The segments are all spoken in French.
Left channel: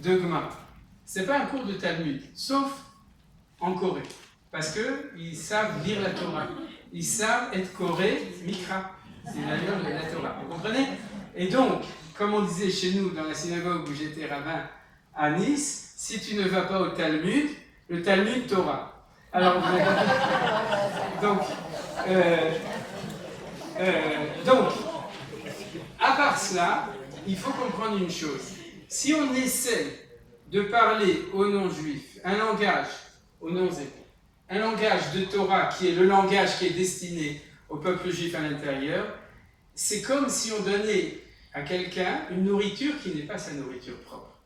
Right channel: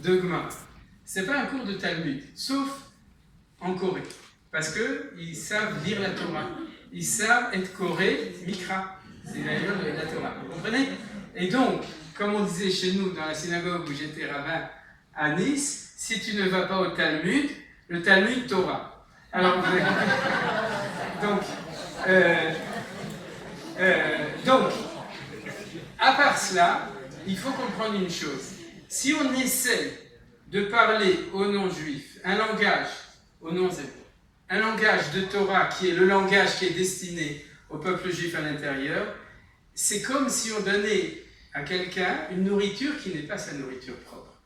de Gemara. Ce n'est pas un cours de Talmud, sauf en Corée. Parce qu'ils savent lire la Torah. Ils savent être Corée, Mikra. C'est la langue de la Torah. Vous comprenez? Et donc, comme on disait chez nous, dans la synagogue où j'étais rabbin à Nice, si tu ne vas pas au Talmud, le Talmud Torah. Alors, donc, à part cela, il faut comprendre une chose. Si on essaie de parler aux non-juifs un langage aux non-hébreux, un langage de Torah qui est le langage qui est destiné au peuple juif à l'intérieur, c'est comme si on donnait à quelqu'un une nourriture qui n'est pas sa nourriture propre.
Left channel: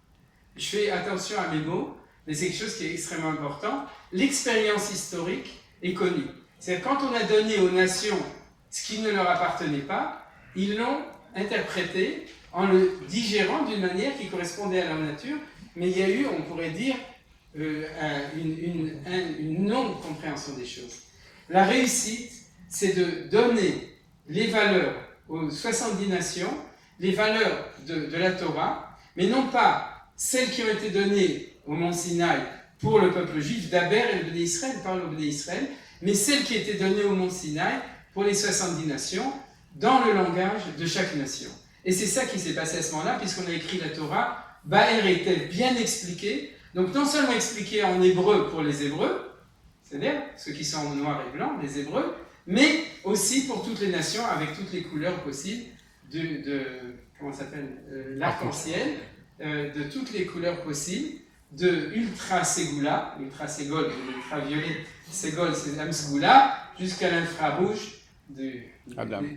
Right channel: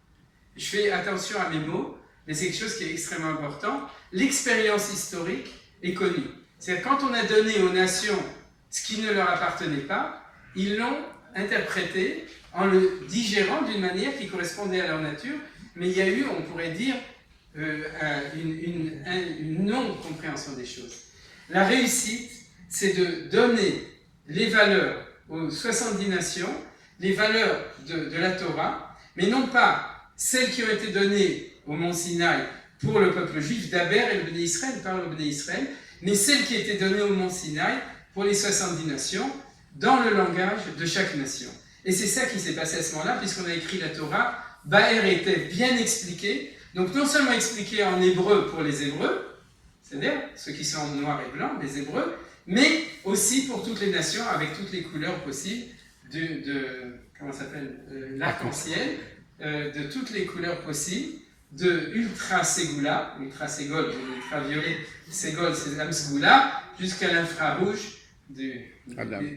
Je fais attention à mes mots, mais c'est quelque chose qui est extrêmement important. L'expérience historique est connue. C'est-à-dire quand on a donné aux nations ce qui ne leur appartenait pas, ils l'ont interprété en le digérant d'une manière qui correspondait à leur nature, mais il y a eu, on pourrait dire, une non-compréhension des choses. La réussite, c'est de donner les valeurs aux 70 nations, les valeurs de la Torah, mais non pas celles qui ont été données au mont Sinaï pour le peuple juif, d'Aber et le Béné Israël, par le Béné Israël, mais celles qui étaient données au mont Sinaï pour les 70 nations, dans le langage de chaque nation. Et c'est ça qui s'est passé à ce moment-là, puisqu'on a écrit la Torah, Ba'er était bien expliqué, donc non seulement expliqué en hébreu pour les Hébreux, c'est-à-dire ceux qui sont en noir et blanc, les Hébreux, mais aussi pour toutes les nations, avec toutes les couleurs possibles, l'arc-en-ciel, de toutes les couleurs possibles, de ultra ségula, ultra ségol, ultra violet, ségol, c'est Amsgoula, jusqu'à l'infrarouge des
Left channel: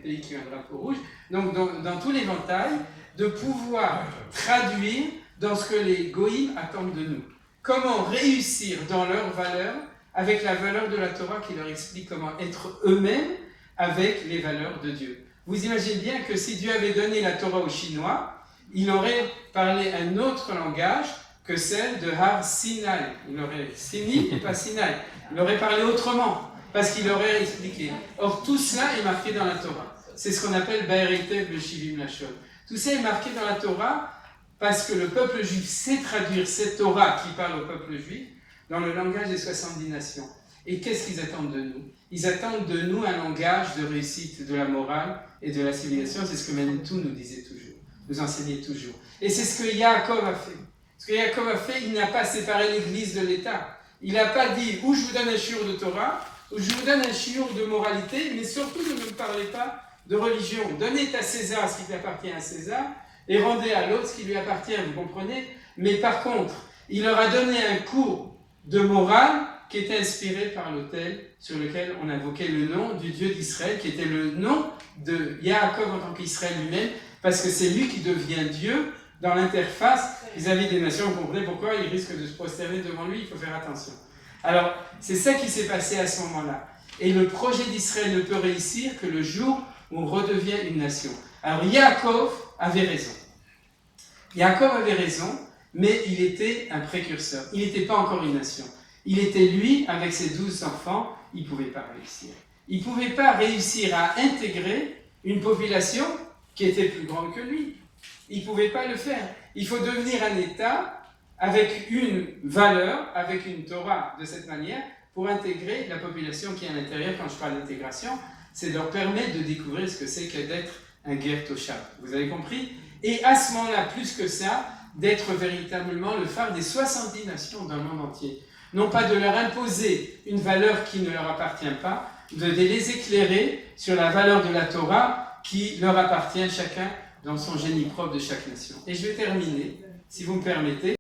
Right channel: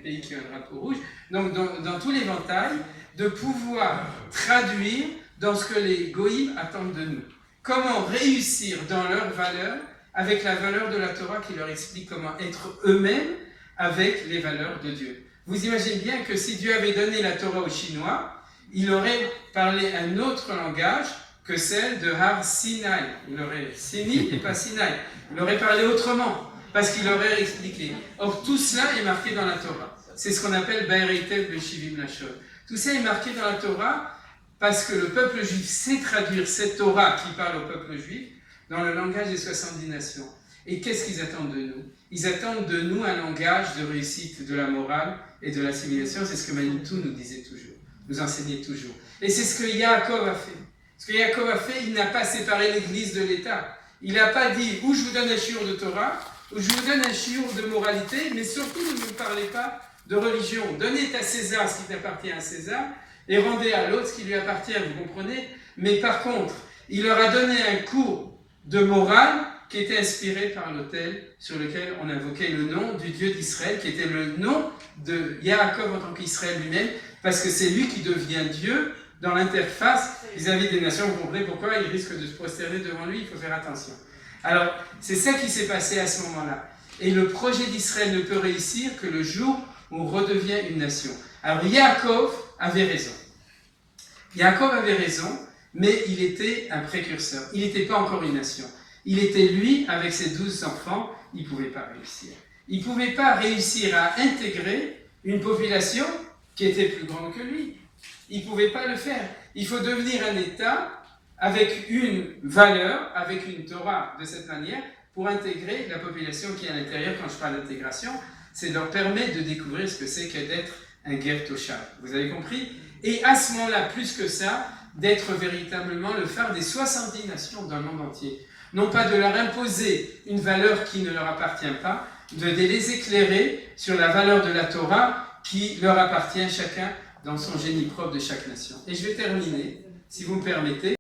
pays qui ont un drapeau rouge. Donc dans tout l'éventail, de pouvoir traduire dans ce que les goïms attendent de nous. Comment réussir dans leurs valeurs avec la valeur de la Torah qui leur explique comment être eux-mêmes avec les valeurs de Dieu. Vous imaginez bien que si Dieu avait donné la Torah aux Chinois, il aurait parlé un autre langage que celle de Har Sinai. Il aurait Sini et pas Sinai. Il aurait parlé autrement, parce qu'il aurait expliqué. Or, tout cela est marqué dans la Torah. C'est ce qu'on appelle Ba'eretev Beshivim Lashon. Tout ça est marqué dans la Torah parce que le peuple juif sait traduire cette Torah qui parle au peuple juif dans le langage des 70 nations. Et qu'est-ce qu'ils attendent de nous? Ils attendent de nous un langage de réussite de la morale et de l'assimilation. C'est ce que Manitou nous disait toujours, nous enseignait toujours. Et c'est ce que Yaakov a fait. Ce que Yaakov a fait, il n'a pas séparé l'Église de l'État. Il n'a pas dit, ou je vous donne un shiur de Torah, ou je vous donne un shiur de moralité, mais surtout ne me parlez pas de religion. Donnez à César ce qui appartient à César, et rendez à l'autre ce qui lui appartient, vous comprenez? Mais par contre, il leur a donné un cours de morale qui était inspiré par l'autel sur lequel on invoquait le nom du Dieu d'Israël, qui était le nom de Yaakov en tant qu'Israël lui-même, parce que c'est lui qui devient Dieu dans l'interface vis-à-vis des nations. Vous comprenez pourquoi il risque de se prosterner devant lui, il faut faire attention. Alors, c'est ça qui s'est passé à ce moment-là. Et le projet d'Israël ne peut réussir que le jour où on redevient une nation. Alors, Yaakov avait raison. Yaakov avait raison, mais il était un précurseur. Il n'était pas encore une nation. Il était lui, avec ses 12 enfants, il ne pouvait pas réussir. Il ne pouvait pas réussir à intégrer une population qui était plus grande que lui. Il ne pouvait pas le faire. Il faut devenir un État avec une valeur, avec une Torah de cette manière, pour intégrer la population qui est à l'intérieur. Quand je parle d'intégration, c'est leur permettre de découvrir ce que c'est que d'être un ger toshav. Vous avez compris? Et à ce moment-là, plus que ça, d'être véritablement le phare des 70 nations dans le monde entier. Non pas de leur imposer une valeur qui ne leur appartient pas, de les éclairer sur la valeur de la Torah qui leur appartient chacun dans son génie propre de chaque nation. Et je vais terminer, si vous me permettez.